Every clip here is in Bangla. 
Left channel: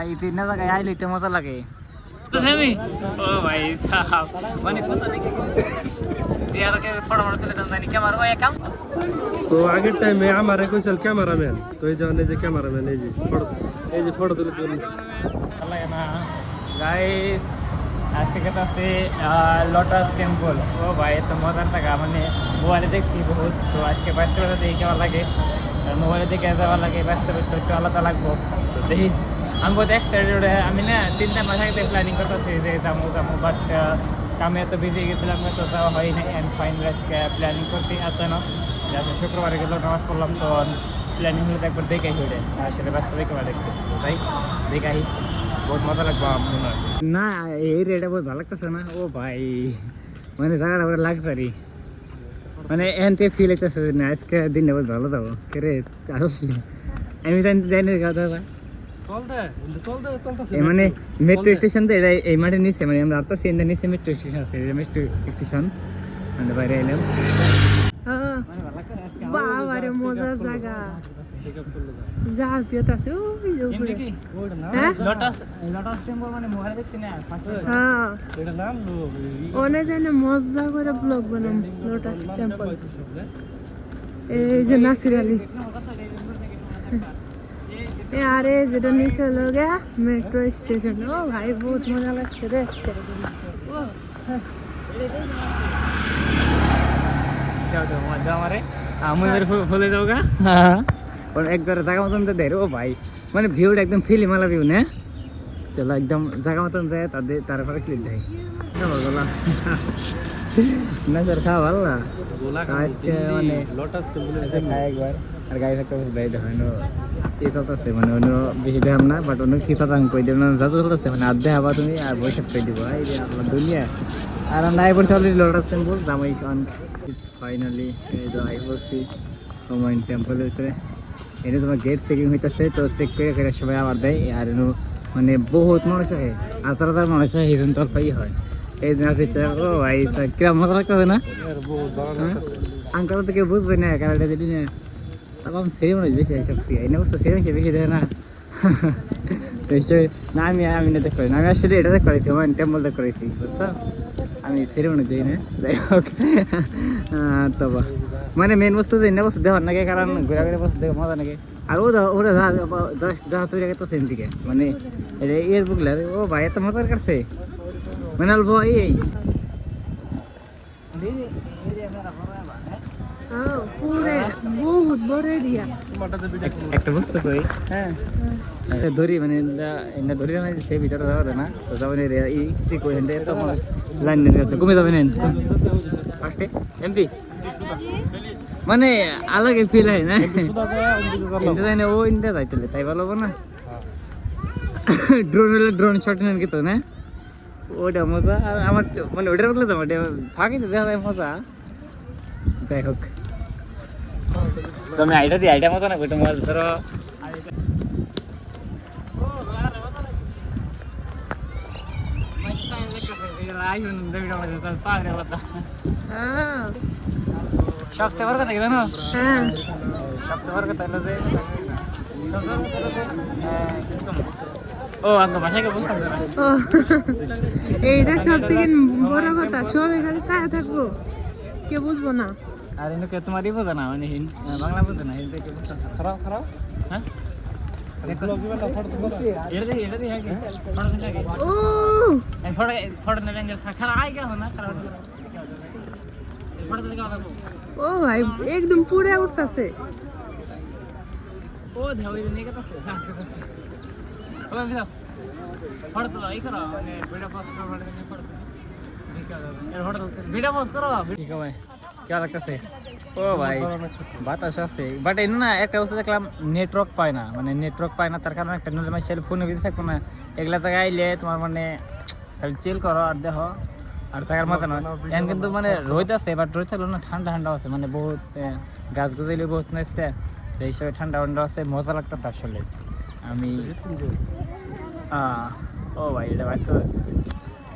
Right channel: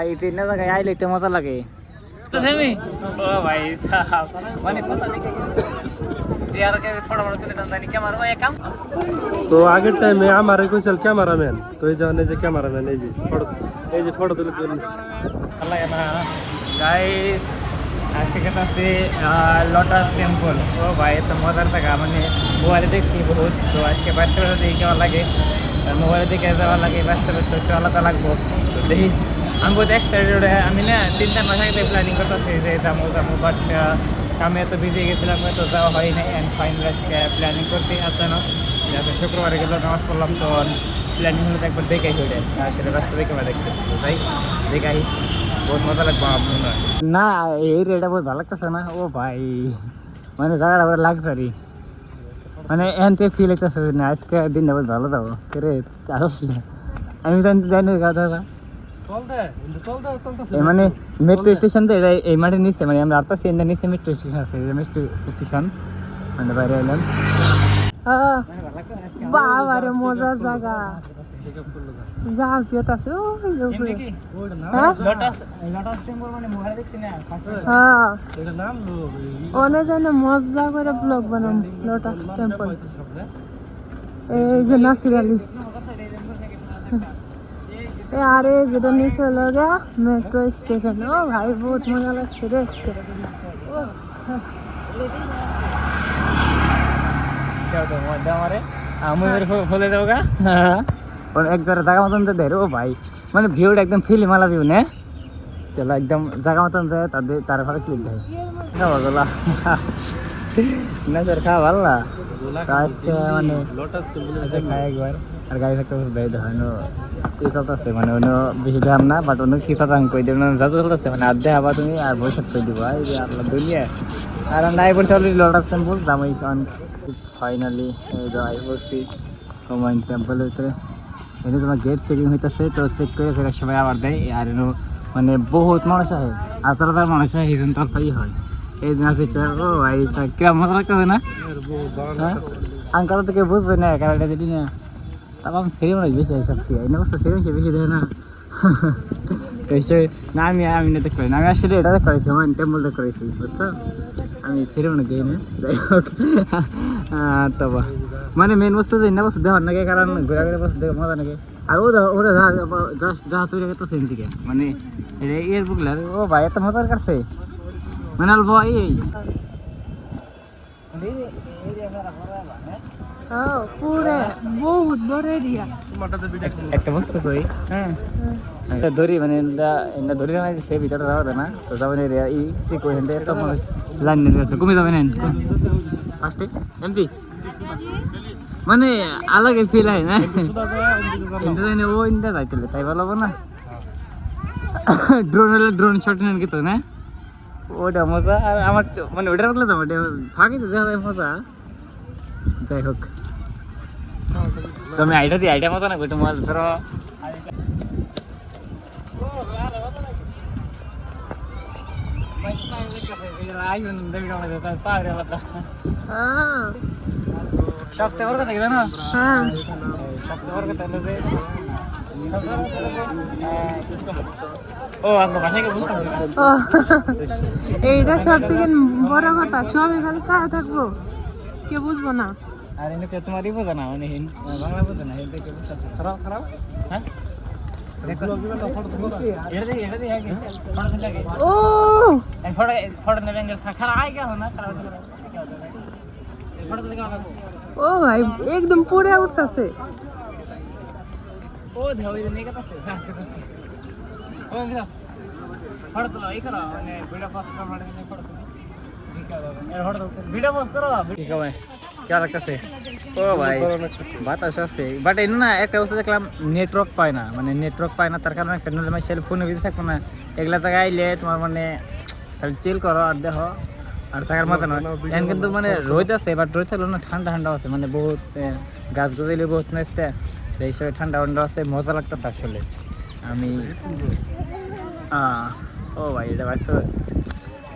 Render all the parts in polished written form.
ভাই তিন জায়গায় আইলে তো মজা লাগে তো সেমি ও ভাই সাহেব মানে কথা দেখে দিয়ার কে ফটো ফটো তুলে দাম ক্যামেরা ওই কাম তো আগের টাইমে আমারে কইছিল ক্যামেরাম্যান তো এই জন্য যে ক্যামেরাম্যান এই যে ফটো তুলে দিল লাগে না গাইস আজকে আছে লোটাস টেম্পল ও ভাই তো মজার জায়গা মানে মোবাইলে দেখছি বহুত তো আজকে বাস্তবে দেখি কেমন লাগে মোবাইলে দেখে যাওয়া লাগে বাস্তবে তো একটু আলাদা লাগবো তো দেখি আমি বহুত এক্সাইটেড আমি না 3-4 মাস আগে প্ল্যানিং করতেছি যে যাবো বাট কামে এত বিজি গেছিলাম তো যাওয়া হয় নাই অ্যান্ড ফাইনাল আজকে প্ল্যানিং করছি অচানক যাতে শুক্রবারে গেল নামাজ পড়লাম তো প্ল্যানিং হলে একবার দেখে হইলে আসলে বাস্তবে কেমন দেখতে তাই দেখাই বহুত মজা লাগবে আপনার না এই রেটা বহুত ভালো লাগতেছে না ও ভাই মানে জায়গাটা পুরো লাগজারি মানে এন থেকে ফিল হইতেছে না আজকে দিনটা বহুত ভালো যাবো রে আমি জানি কথা মানে মেট্রো স্টেশন তো এটা এই মাঠে নিচে মানে আমরা আটটা সেন্টার নিচে মেট্রো স্টেশন আছে মেট্রো স্টেশন মানে বাইরে এলাম বাবারে মজার জায়গা জাহাজ আছে অনেক জানে মজা করে ব্লগ বানাম লোটাস টেম্পল এই যে নাসির আলী আরে যেটা নিচে হলো গা মেট্রো স্টেশন ও ভাই বহুত মজা লাগছে রে আমি ফলে যাবো গা একবার জায়গা মতন তো দেয় ও ভাই মানে ভিউটা একদম ফিলি মালা ভিউ না চলো একদম জায়গা মতন যায় তাদের তারপরে ক্লিক দেয় খাওয়া গোলা না স্যার খাওয়া ভালো না মানে একবার আর গাড়ি থাকতে বেড়ে হয় না কি চলতেছে মানে অন্য বেশি দেখাম না বাট অন্য কি কথা কই দেব না যত চলতেছে মানে আর দেখাবা তুমি আর বসে কই দিব এই যে আল্লাহ দুনিয়া আর নাই বলছে অলরেডি লোটাস টেম্পল জামাই ফাইনালি এই তো আই বসছি কমাইন টেম্পল ভিতরে এটা তোমার গেট চেকিং হইতেছে তো চেক করে ফেরার সময় আবার দেয় আর মানে বহুত মানুষ আছে 18,000 মানুষ হয় এই জন্য তরফাই হয় এই দিন আছে ও ভাই কিরম মজা লাগতেছে না হ্যাঁ আঙ্কাল তো কেউ বুঝবে না কারণ যদি না তারপর সেরিমনি বেশি এইসব এনে বস্তু সেরিমনি বেশি দেয় না তো হিসেবে না আমি না দেখ করি না আমি আসলে এটা দেখ করেছি হুমায়ুন টেম্পল দেখ করেছি বুঝছো আমি সেরিমনি দিই না যাই হোক তবা মানে মেন বস্তু যে এনে বস্তু দেওয়ার নাকি কারণ ঘোরা ঘুরে বস্তু দেখে মজা নাকি আর ওরা জাহাজ চলে গেছে সেন থেকে মানে এর বুকলে ও ভাই এত মজার কাছে মানে অল্প এই বহুত বড় এরিয়া একটা বস্তু কই ধরি মানে ধরি না সে ভিতরে যাওয়া যায় না তো যাবেন এই সিকো হেন্ডে এত মানুষ লাইন নিয়ে আছে কমে যাবেন ফার্স্টে এমপি মানে আলাদা ফিল হয় না ইন্টার জানি ও ইন্টার যাইতেলে তাই ভালো না ড্রোন হলে ড্রোন শট নেন কি তো না ওটা মজা আর আমার মানে ওটার বললে তো ফাঁকি তো দেখা যায় মজা যাই হোক তুমি আইডিয়া মতো না গোটা মাছ ধরো সবচেয়ে বড় কথা জানো সবচেয়ে বড় কথা ও আঙ্গ ভাষাকে বুঝতে এইটা সব থেকে বড় কথা সব এখানে ছায়া থাকবো কে বুঝবো না আর এনে তোমারই বোঝা না মানে বাংলা বোঝে না হিন্দি কে বুঝতে হ্যাঁ ও ভাই একদম পুরে উঠতেছে ও দেও এই নেই কথা ও ভিড়া ফটো তো এই করো মানে ভিডিও পোস্ট করো মানে ফটো এর ফটো ভিডিও পোস্ট করো ঠিক আছে কি লাগতেছে ও ভাই বাতাস আছে বাট এনে না একটা অবস্থা দেখলাম নেটওয়ার্ক পায় না মানে নেটওয়ার্ক পায় না তার কারণে একটা নলে মাই সেল ফোনে বিজি থাকবো না এগুলা জায়গায় আইলে তোমার মানে খালি চিল করো আর দেখো আর থাকার মজা নয় এখন কিন্তু মানে রোদ আছে বাট রোদ থাকলো না ঠান্ডা ঠান্ডা আছে মানে বহুত গাছ গুজলি বহুত নাচতে এই হিসাবে ঠান্ডা ঠান্ডা আছে মজা লাগতেছে আসলে আমি ও ভাই এটা বাস্তবে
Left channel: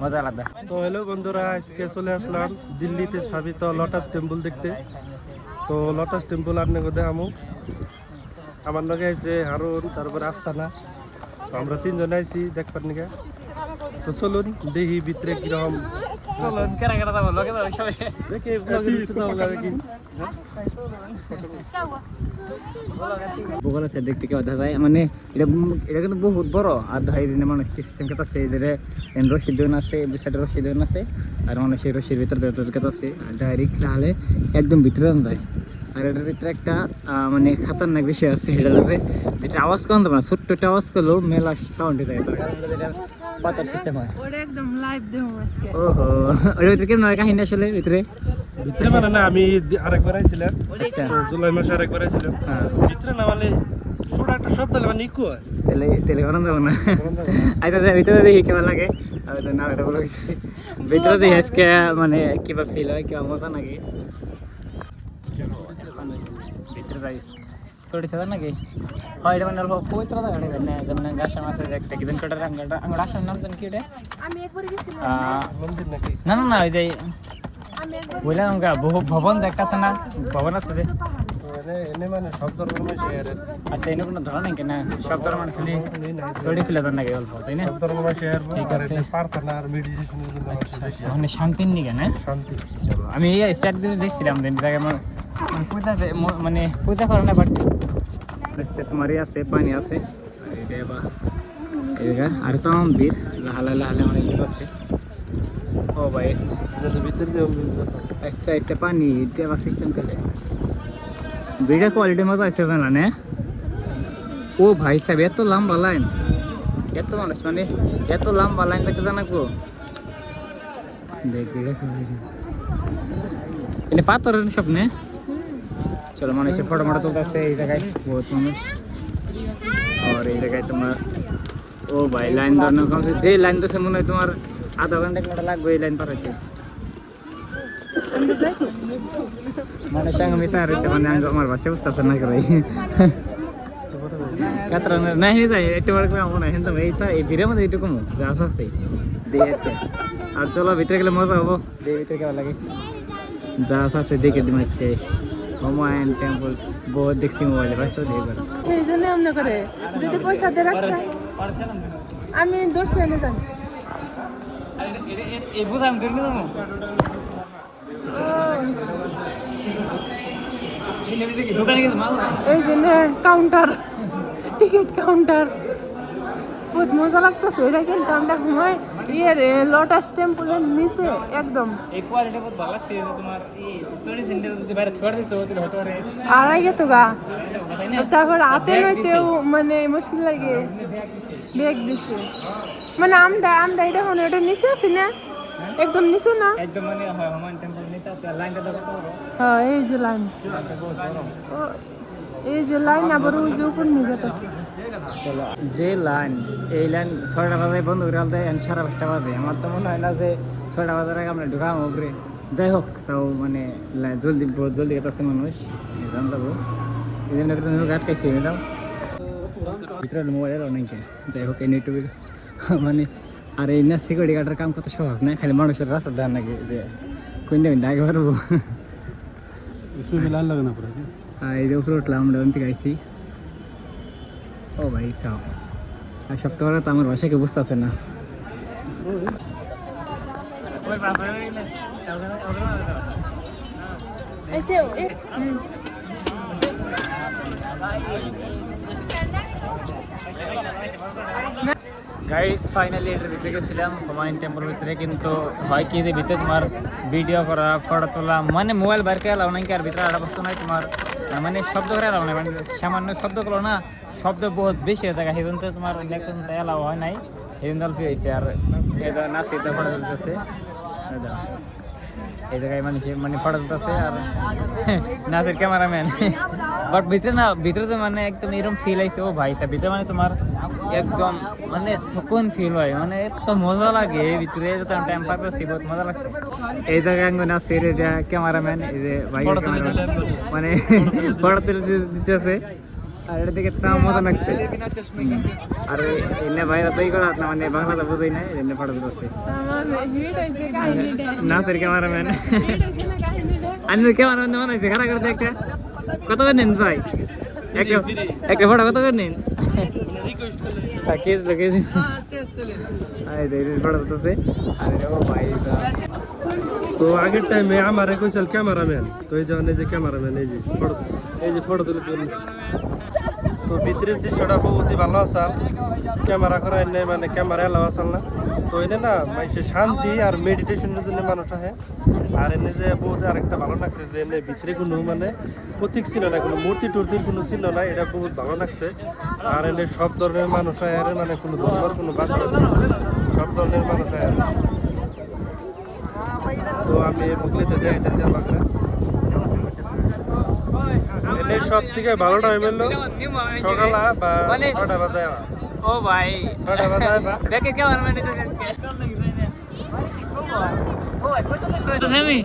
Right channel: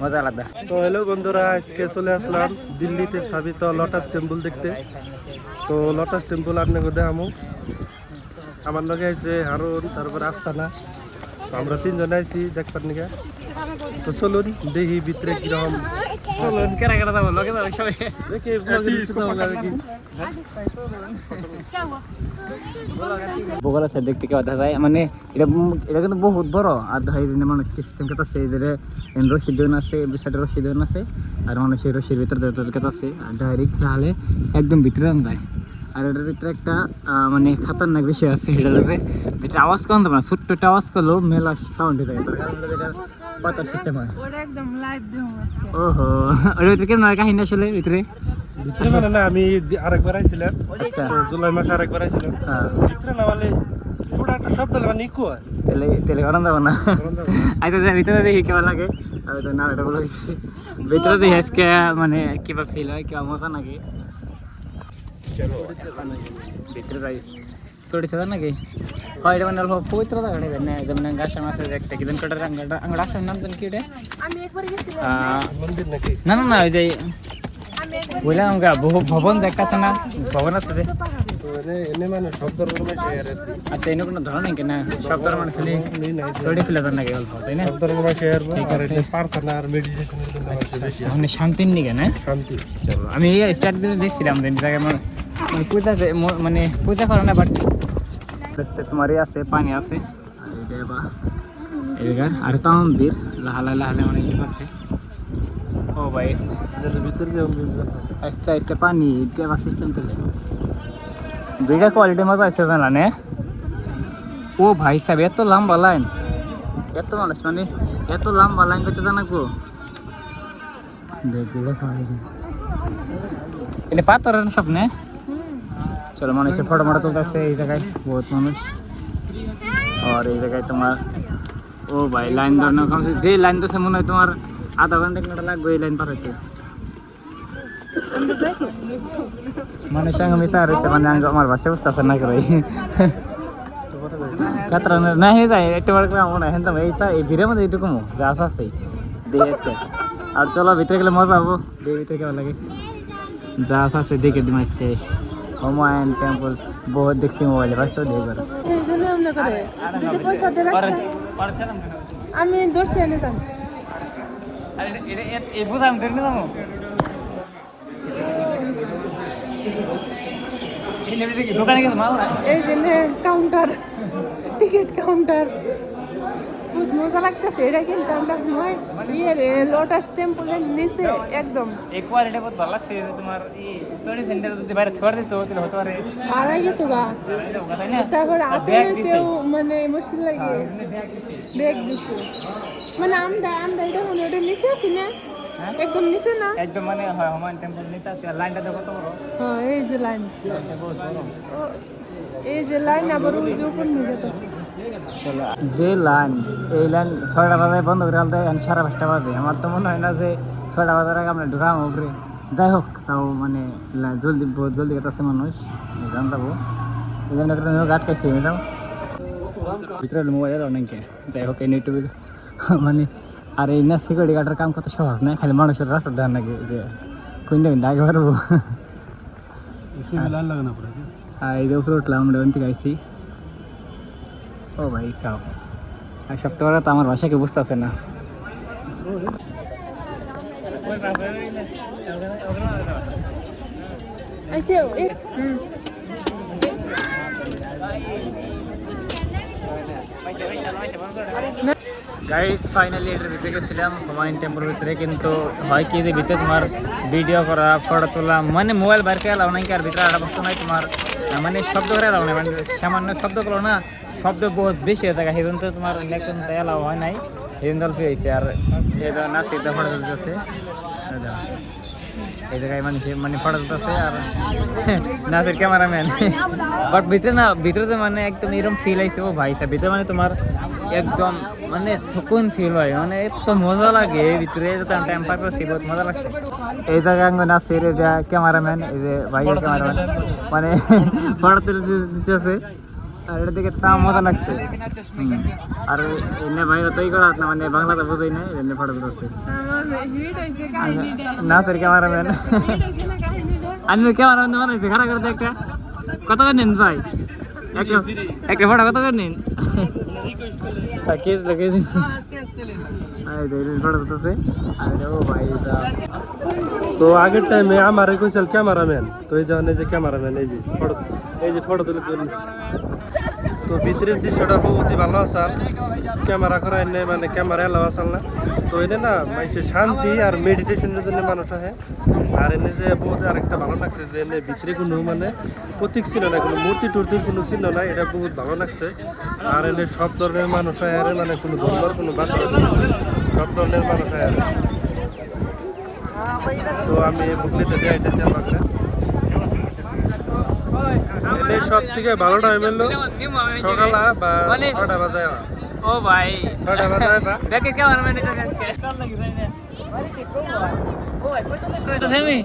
মজা লাগবে তো হ্যালো বন্ধুরা আজকে চলে আসলাম দিল্লিতে স্থাপিত লোটাস টেম্পল দেখতে তো লোটাস টেম্পল আপনাকে দেখামো আমার লগে আছে হারুন তারপর আফসানা তো আমরা তিনজন আইছি দেখবার নিকে। তো চলুন দেখি ভিতরে কিরকম। চলুন কেনা কেনা যাবো লগে যাবো সবাই দেখি ব্লগের ভিতরে যাবো নাকি। বগল আছে দেখতে কেউ দেখা যায় মানে এটা কিন্তু বহুত বড় আর ধর মানুষ সিস্টেম কেটে আছে এদের রশি দোন আছে সাইডে রশি দোন আছে আর মানুষের রশির ভিতরে কেটে আছে আর ডাইরেক্ট তাহলে একদম ভিতরে যায়। আর এটার ভিতরে একটা মানে খাতারনাক বিষয় আছে, এটা আছে ভিতরে আওয়াজ কম দেবে না, ছোট্ট একটা আওয়াজ করলেও মেলা সাউন্ড হয়ে যায়, তার কারণে পাতার সিস্টেম হয়। ওটা একদম লাইভ দেবো আজকে। ওহো ওর ভিতরে কেমন কাহিনী আসলে ভিতরে ভিতরে মানে না আমি আরেকবার আইছিলাম, আচ্ছা তো জুলাই মাসে আরেকবার আইছিলাম। হ্যাঁ ভিতরে না মানে ছোট একটা শব্দ মানে ইকো হয়। তেলে তেলে গরম যাবো না আচ্ছা ভিতরে দেখি কেমন লাগে। আমি তো না এটা বলে ভিতরে দেখি আজকে মানে কিবা ফিল হয় কিবা মজা নাকি। চলো এখন ভিতরে যাই। ছোটি সাদা নাকি হয় এটা মানে অল্প পবিত্র জায়গা না যেমন গাছ আছে একটা কিদিন কাটার আঙ্গাটা আসার নাম জানি কি এটা মন্দির নাকি? না না না ওই যে বললাম আমরা ভবন যে একটা আছে না ভবন আছে যে এনে মানে শব্দ আচ্ছা এনে কোনো ধরো নাকি না সব ধরো মানে খালি ছোটি ফেলে দেন নাকি অল্প তাই না ঠিক আছে। প্রার্থনা আর মেডিটেশনের জন্য মানে শান্তির নিকে না শান্তি। চলো আমি এই স্টার্ট দিনে দেখছিলাম জায়গায় মানে পূজা মানে পূজা করে না বাট তোমার আছে পানি আছে আর তো মন্দির লাহালে লাহালে মানে কি করছে। ও ভাই ভিতরে আস্তে আস্তে পানি দেওয়া সিস্টেম চলে দুইটা কোয়ালিটি মজা আসছে জানা নে। ও ভাই সাহেব এত লম্বা লাইন, এত মানুষ মানে এত লম্বা লাইন করতে জানাবো দেখ এটা পাথরের সামনে। চলো মানুষের ফটো মাটা তুলতেছে এই জায়গায় বহুত মানুষ। আর এই জায়গায় তোমার ও ভাই লাইন ধরানো কমছে যে লাইন তো মনে হয় তোমার আধা ঘন্টা এক ঘন্টা লাগবে এই লাইন পার হইতে। মানুষ সঙ্গে মিশা রয়েছে মানে আমার বাসায় বুঝতেছে না করে না হয়ে যায় একটু বার করে মনে হয় হ্যাঁ এই ভিড়ের মধ্যে এইটুকু গাছ আছে দেখে। আর চলো ভিতরে গেলে মজা হবো, ভিতরে কেমন লাগে গাছ আছে দেখে দিম আজকে। হুমায়ুন টেম্পল বহুত দেখছি মোবাইলে বাস তো দেখবার যদি পয়সা দিয়ে আমি দর্শি এনে যান এই যে কাউন্টার টিকিট কাউন্টার বহুত মজা লাগতেছে। এটা কিন্তু আমরা ঘুমাই ইয়ের লোটাস টেম্পলের নিচে একদম আড়াই গেত গা তারপর হাতে নাইতেও মানে মুশকিল লাগে দেখ দিচ্ছে মানে আমরা এটা মানে এটা নিচে আছি না একদম নিচে না একদম মানে হুমায়ুন টেম্পল নিচে আছে লাইনটা দেখো। হ্যাঁ এই যে লাইন আবার ওই যে উপর নিয়ে যেতেছে যে লাইন এই লাইন 6টা বাজে বন্ধ করে আনতে 5:30 বাজে। আমার তো মনে হয় না যে 6টা বাজার আগে আমরা ঢুকাম উপরে। যাই হোক তাও মানে জলদি বহুত জলদি গেছে মানুষ জানতাবো এই জন্য আটকাইছি নিলাম ভিতরে মোবাইল অনেকে। যাই হোক এই নেটওয়ার্ক মানে আর এই না সিকিউরিটি গার্ডের কাম কত সহজ না, খালি মানুষের রাস্তা দেন নাকি যে কোন দেবেন আগে পারবো। আর এই যে উপরে উঠলাম আমরা ওখান থেকে আইসি। ও ভাই সব আর সপ্তাহ তো আমার বাসাকে বুঝতে আছে না। গাইস ফাইনালি ভিতরে গেছিলাম হুমায়ুন টেম্পলের ভিতরে, কিন্তু হয় কি যে ভিতরে তোমার ভিডিও করা ফটো তোলা মানে মোবাইল বাইর করে এলাও নাকি আর ভিতরে আড়া বস্তু নাই তোমার মানে শব্দ করে এলাও নাই মানে সামান্য শব্দ করো না শব্দ বহুত বেশি হয়ে থাকে সেই জন্য তো তোমার ইলেকট্রন এলাও হয় নাই সেই জন্য অল্প হয়েছে। আর নাচি ফটো তুলতেছে এই জায়গায় মানে ফটো তুলতেছে আর নাচের ক্যামেরাম্যান বাট ভিতরে তো মানে একদম এরকম ফিল আইছে। ও ভাই সাহেব ভিতরে মানে তোমার একদম মানে সুকুন ফিল হয় মানে এত মজা লাগে ভিতরে টাইম পার করছি বহুত মজা লাগছে। এই জায়গায় নাচের এটা ক্যামেরাম্যান এই যে ভাইয়ের ক্যামেরাম্যান মানে ফটো তুলে দিতেছে আর এটা দিকে তাও মজা লাগছে। আর এনে বাইরে তৈরি করা না মানে বাংলাটা বোঝাই না এনে ফটো তুলছে নাচের ক্যামেরাম্যান আমি ক্যামেরাম্যান বানাইছে খারাপ করতে একটা কত করে নেন ভাই একটা ফটো কত করে নেন কেস লোকেশ আরে দেরি বড় হতেছে আরে ও ভাই তো আগের টাইমে আমারে কইছিল ক্যামেরাম্যান, তো এই যে ক্যামেরাম্যান এই যে ফটো তুলে দিল। তো ভিতরের দৃশ্যটা বহুতই ভালো আসাল, ক্যামেরা করাই নাই মানে ক্যামেরা এলাও আসাল না। তো এটা না মানুষের শান্তি আর মেডিটেশনের জন্য মানুষ আহে। আর এনে যে বহুত আরেকটা ভালো লাগছে যে এনে ভিতরে কোনো মানে প্রতীক চিহ্ন নাই, কোনো মূর্তি টুর্তির কোনো চিহ্ন নাই, এটা বহুত ভালো লাগছে। আর এনে সব ধরনের মানুষ আয়, আর মানে কোনো ধর্মের কোনো ভাষা আছে সব ধরনের মানুষ আয়। তো আমি মুখলিতে দিয়ে আইতেছি আমাকে এনে সব থেকে ভালো টাইম হলো সকালা বা 6টা বাজায়। ও ভাই 6টা বাজায় বা দেখে কেমন মানে তো সেমি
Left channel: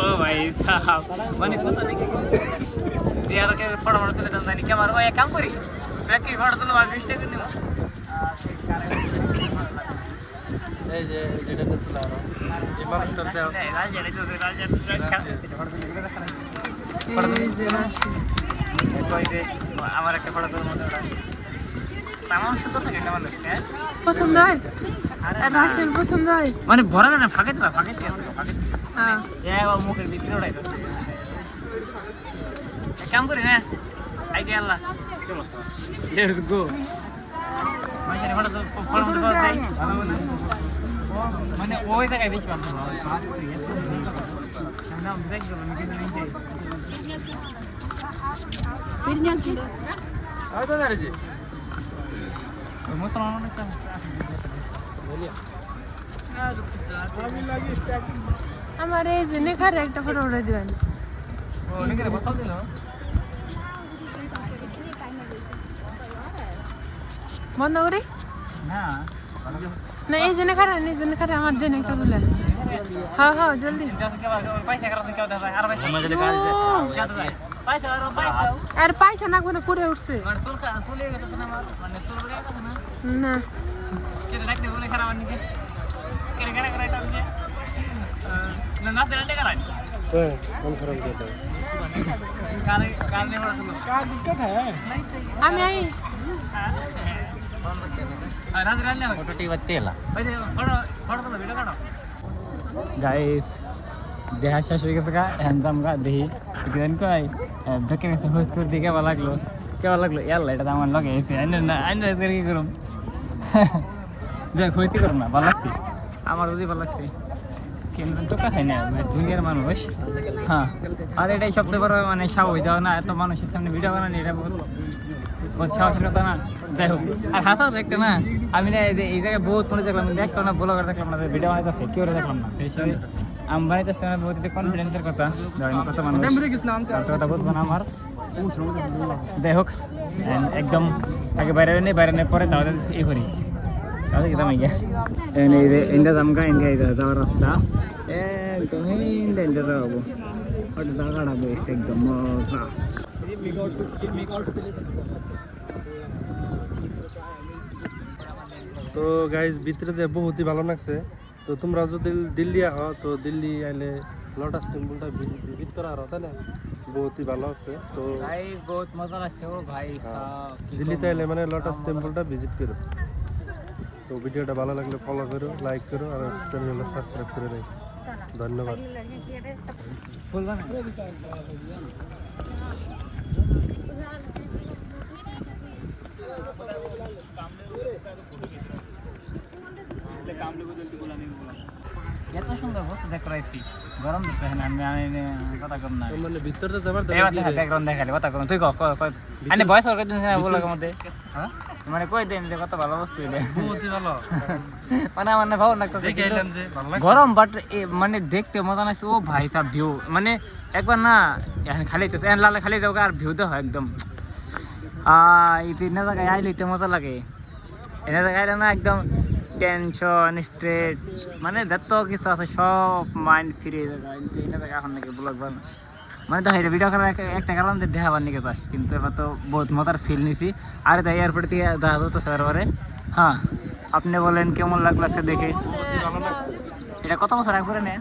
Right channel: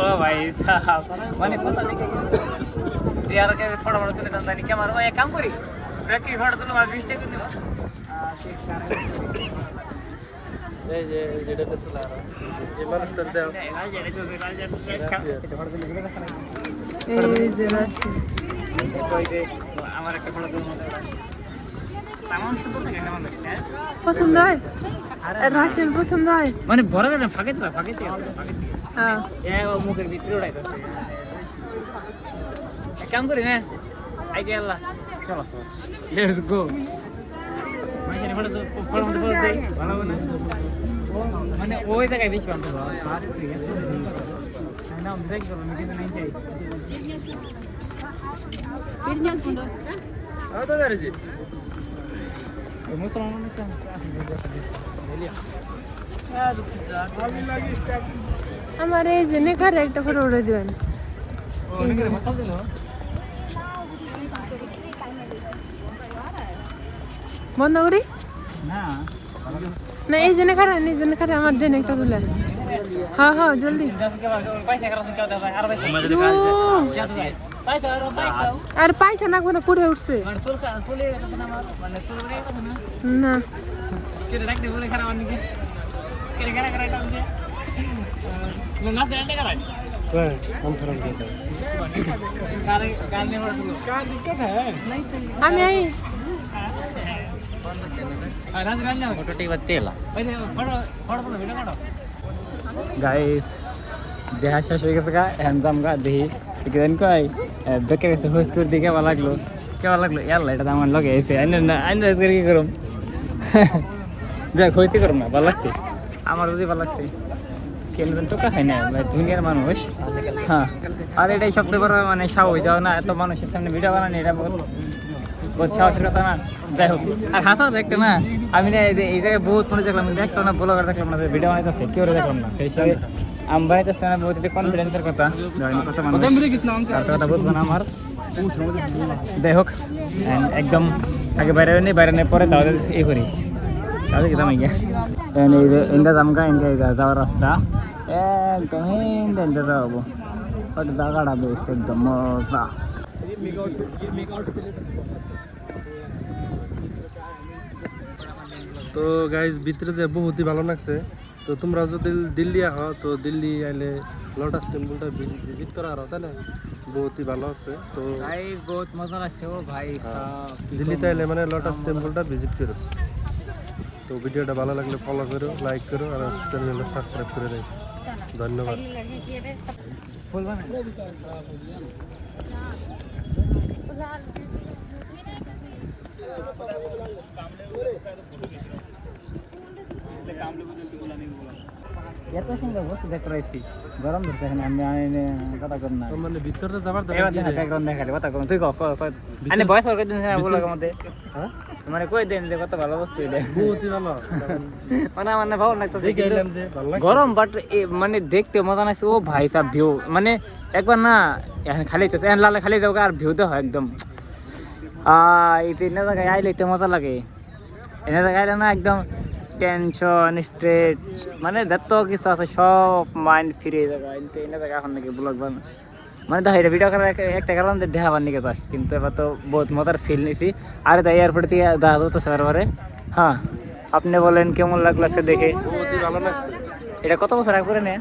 ও ভাই সাহেব মানে কত দেখে দিয়ার কে ফটো ফটো তুলে দাম জানি ক্যামেরা ভাই এক কাম করি ব্যাক কি ফটো তুলে আর মিস্টেক করে দিও এই যে যেটা করছিলাম এই মানুষটার দেও এই যে রাশি আমার একটা ফটো তুলে তেমন সুন্দর থাকে না মানে পছন্দ হয় রাশির পছন্দ হয় মানে বড় না ফাঁকে হ্যাঁ ও মুখের ভিতরে উড়াইতেছে এক কাম করি না আই গে আল্লাহ চলো লেটস গো মানে ফটো ফটো দেই ভালো ভালো মানে ওই জায়গায় বেশি ভালো বাপ রে এত ভিড় না আমি দেখ গেল আমি কিন্তু নিয়ে যাই পিরনিয়া কি ওই তো দাঁড়িয়েছি ওই মুসলমান একটা আমার এই যে নেখার একটা ফটো উঠে দিবেন অনেকের কথা দিল বন্ধ করি না না এই যে নেখারে আমার দেন একটা তুলে হ্যাঁ হ্যাঁ জলদি আর পয়সা না কোনো পড়ে উঠছে না আমি আই গাইস দেহা শেষ হয়ে গেছে গা হ্যান্ডজাম গা দেখি কেন কই দেখে গেছে হোস করে দিকে ভালো লাগলো কেমন লাগলো ইয়াল্লা এটা তো আমার লগে এসে আইন কি করুম যাক হইতে করুম না ভালো লাগছে আমার যদি ভালো লাগছে কেন টোকা খাই না দুনিয়ার মানুষ হ্যাঁ আর এটাই সবচেয়ে বড় মানে সাহস যাও না এত মানুষের সামনে ভিডিও বানানি এটা বহুত সাহসের কথা না যাই হোক আর হাসাও দেখতে না আমি না এই জায়গায় বহুত মানুষ দেখলাম দেখলাম না ব্লগার দেখলাম না ভিডিও বানাইতেছে কেউ দেখলাম না সেই হিসাবে আমি বানাইতেছি না বহুত কনফিডেন্সের কথা কত মানুষ কথা বুঝবো না আমার যাই হোক একদম আগে বাইরে নেই পরে তাহলে এই করি তাহলে যেতাম ইন্ডা জামকা ইন্ডিয়া যাওয়ার রাস্তা একদম ইন্ডিয়া যাবো ওটা জায়গাটা বেশ একদম মজা তো গাইজ ভিতরে যে বহুতই ভালো লাগছে। তো তোমরা যদি দিল্লি আহো তো দিল্লি আইলে লোটাস টেম্পলটা ভিজিট করা আরো তাই না বহুতই ভালো আছে। তো গাইস বহুত মজা লাগছে ও ভাই দিল্লিতে আইলে মানে লোটাস টেম্পলটা ভিজিট করো। তো ভিডিওটা ভালো লাগলে ফলো করো, লাইক করো আর চ্যানেলটা সাবস্ক্রাইব করে রাখো। ধন্যবাদ। বলবা না এত সুন্দর বস্তু দেখতে পাইছি গরম ধরতে না আমি কথা কম না মানে ভিতরে যাবার এবার দেখা ব্যাকগ্রাউন্ড দেখালি কথা কম তুই আমি ভয়েস ওর দিন বলার মধ্যে হ্যাঁ মানে কই দেন যে কত ভালো বস্তু এটা বহুতই ভালো মানে আমার না ভালো লাগতো দেখে এলাম যে ভালো লাগছে গরম বাট মানে দেখতে মজা লাগছে ও ভাই সাহেব ভিউ মানে একবার না এখন খালি তো লালে খালি যাও আর ভিউ তো হয় একদম এনে জায়গায় আইলে তো মজা লাগে এনে জায়গায় আইলে না একদম টেনশন স্ট্রেস মানে যত কিছু আছে সব মাইন্ড ফ্রি জায়গা কিন্তু এনে জায়গা এখন নাকি ব্লগ বানা মানে দেখা এটা ভিডিও করার একটা কারণ দেখাবার নিকে চাস কিন্তু এবার তো বহুত মজার ফিল নিছি আর তাই এয়ারপোর্ট থেকে দেখা যেত সার্ভারে হ্যাঁ আপনি বলেন কেমন লাগলো সে দেখে বহুতই ভালো লাগছে। এটা কত বছর আগে করে নে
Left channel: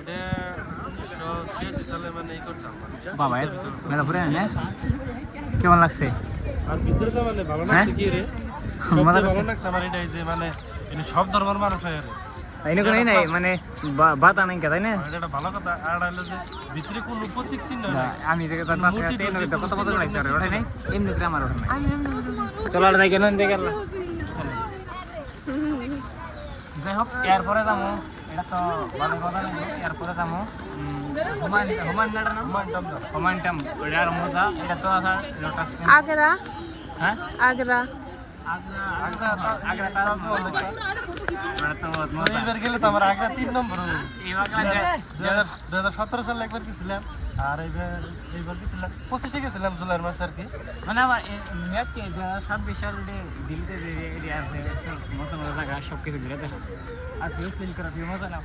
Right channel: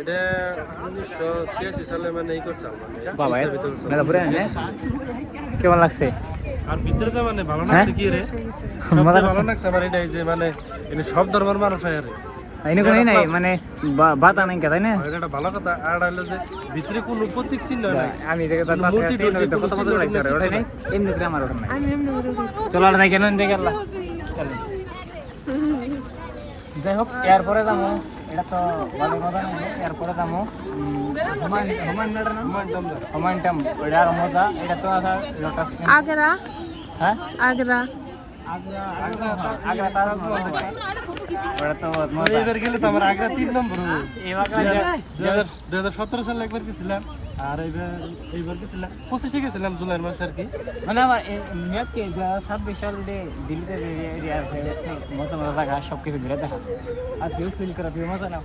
এটা 1986 সালে মানে এই করছে বাবা মেলা পুরে নে কেমন লাগছে আর ভিতরে মানে ভালো হ্যাঁ? লাগছে কি রে মজা ভালো লাগছে আমার এটা যে মানে এনে সব ধর্মের মানুষ আয় রে এনে কোনো নাই মানে বাতা নাই কে তাই না এটা ভালো কথা আর হলো যে ভিতরে কোনো প্রতীক চিহ্ন নাই আমি দেখে তার পাশে কত মজা লাগছে ওটা নাই এমনি করে আমার ওটা নাই আমি এমনি করে উঠেছি চলো আর যাই কেন দেখে গেলাম চলে যাই হোক এরপরে যাবো এটা তো ভালো মজা নেই এরপরে যাবো হুমায়ুন ওটা আর মজা এটা তো আছে লোটাস আগ্রা হ্যাঁ আগ্রা আগ্রা তার ওটা তো বহুত মজা এইবার গেলে তো আমার আগ্রা 3 নম্বর হবে এবার 2017 সালে একবার গেছিলাম আর এইবার গেছিলাম 25 গেছিলাম জুলাই মাসে আর কি মানে আমার নিয়ত কি 26 সাল দিল্লিতে এরিয়া আছে মজা মজা জায়গা সব কিছু ঘুরে দেখা আর তুই ফিল করা তুই মজা নাও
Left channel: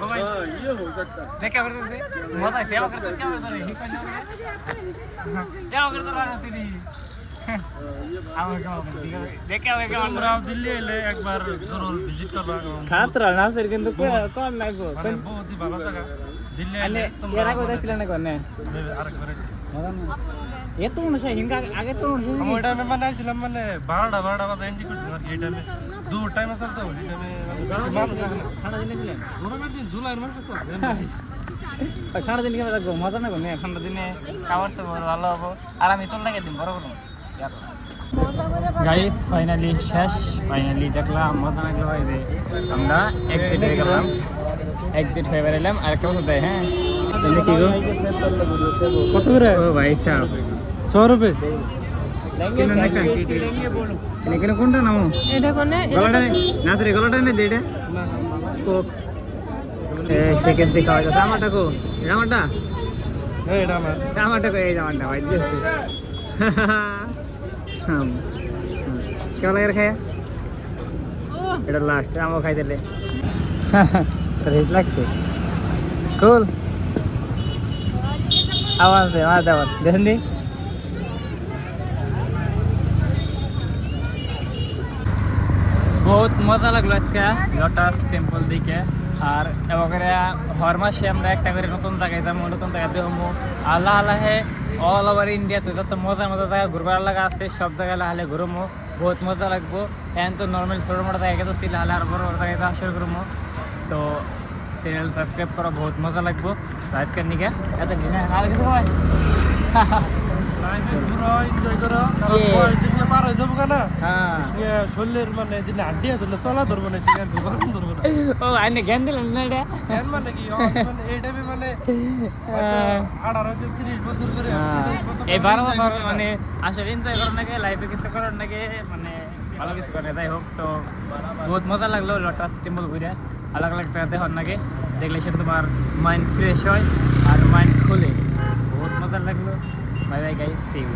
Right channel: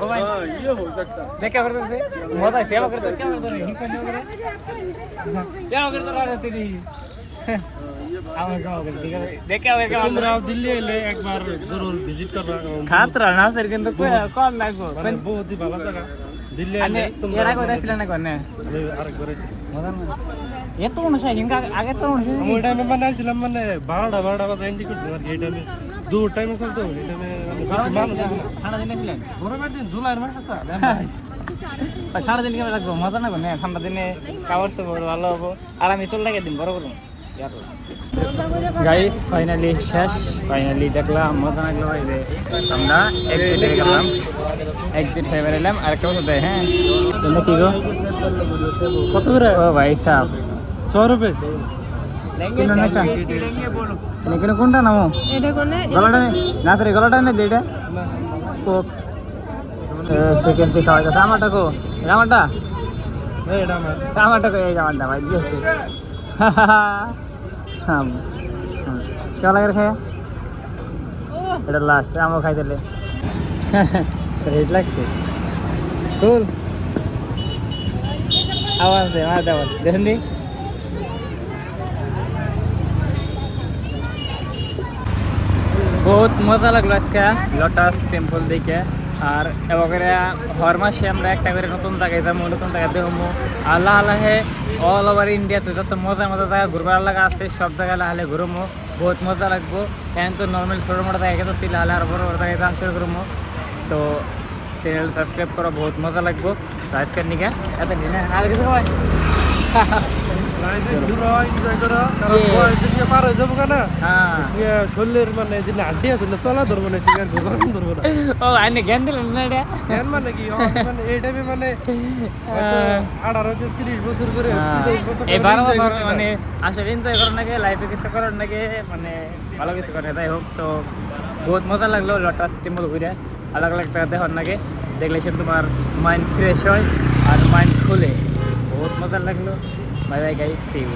ओ भाई देख क्या करते थे मजा सेवा करते क्या करते नहीं करने वगैरह क्या करते रहा रहते नहीं हम क्या करते देख क्या তোমরা দিল্লি এলে একবার জরুর ভিজিট করবা খাতরা না স্যার কিন্তু কম লাগবে মানে বহুতই ভালো জায়গা দিল্লি এলে তোমরা এরা কোথায় ছিলেন না কোনে আমি আরেকবার আছি এত মানুষ আছে কিন্তু আগে তো মানুষ আমি ওই টাইমে মানে ছিলাম মানে 12টা বাজে এন্ট্রি করছিলাম এই টাইমে দু টাইমে চলতে হবে এই টাইমে মানে মানুষ যাবে না ঠান্ডা দিনে ছিলেন গরমের দিন জুলাইয়ের মাস আছে ঠান্ডা দিনে কেমন লাগবে মজা না কোনে ঠান্ডা দিনে কাপড় চোপড় ভালো হবো আর আমি চল লাগে দিন বড় করুন মজা করে গাইস ফাইনালি শেষ ফাইনালি দেখলাম মজা লাগলো ভাই রে আমরা এক্সিট হয়ে গেলাম এক্সিট হয়ে বেরোলাম আর কেউ তো হ্যাঁ এটা কি গো কত করে ও ভাই সাহেব 100 রুপয়ে কিলো না কা এখানে কোনটা নামো এটা কোনে গলাটা না রে গলাটা নে দেটা তো সেকেন্ড থেকে খাওয়া যাচ্ছে আমারটা কো আমারটা এই এটা আমার আমারটা কো এই আমারটা ভাই দিয়েছে হ্যাঁ কেমন লাগে খায় ও এটা লাস্ট আমও খাই দিলে রেট লাগছে কুল আওয়াজ দে আওয়াজ দেখেন দি বহুত মজা লাগলো আজকে লোটাস টেম্পল দেখে আর এবারে হর মাসে আমরা একটা করে নতুন জায়গায় যাবো নতুন জায়গা দেখবো আল্লাহ আল্লাহে অল ওভার ইন্ডিয়াতে যত মজা মজা জায়গা ঘুরবার লাগা আছে সব জায়গায় লাহালে ঘুরবো বহুত মজা লাগবো এখন তো নর্মাল ছোটো মোটো জায়গায় তো ছিল আর বড় বড় জায়গায় আসলে ঘুরবো তো চ্যানেল সাবস্ক্রাইব করা বহুত মজা লাগবো আজকের নিকে এত দিন আর কিছু ভাই ঘুরো এনজয় করো কারণ বয়স যে পার হয়ে যাবো না হ্যাঁ শরীরের মানে যে হাড্ডি আছে চলা ধরবো না শিকার ধরবো না ও আইনে জ্ঞান দিলেন না এটা কেন মানে কি মানে এই টাইমে মানে 18-30 বছর করে 30 বছর এই 12 বছর মানে আসলে এনজয় করার নাকি লাইফে কিছু করার নাকি মানে ভালো কিছু করে যাই হোক তো বহুত মজা লাগলো লোটাস টেম্পল ঘুরে আলাদা আলাদা জায়গাতে হওয়ার নাকি দেখলে সে তোমার মাইন্ড ফ্রেশ হয় আর মাইন্ড খুলে বহুত মজা লাগলো bye bye guys see you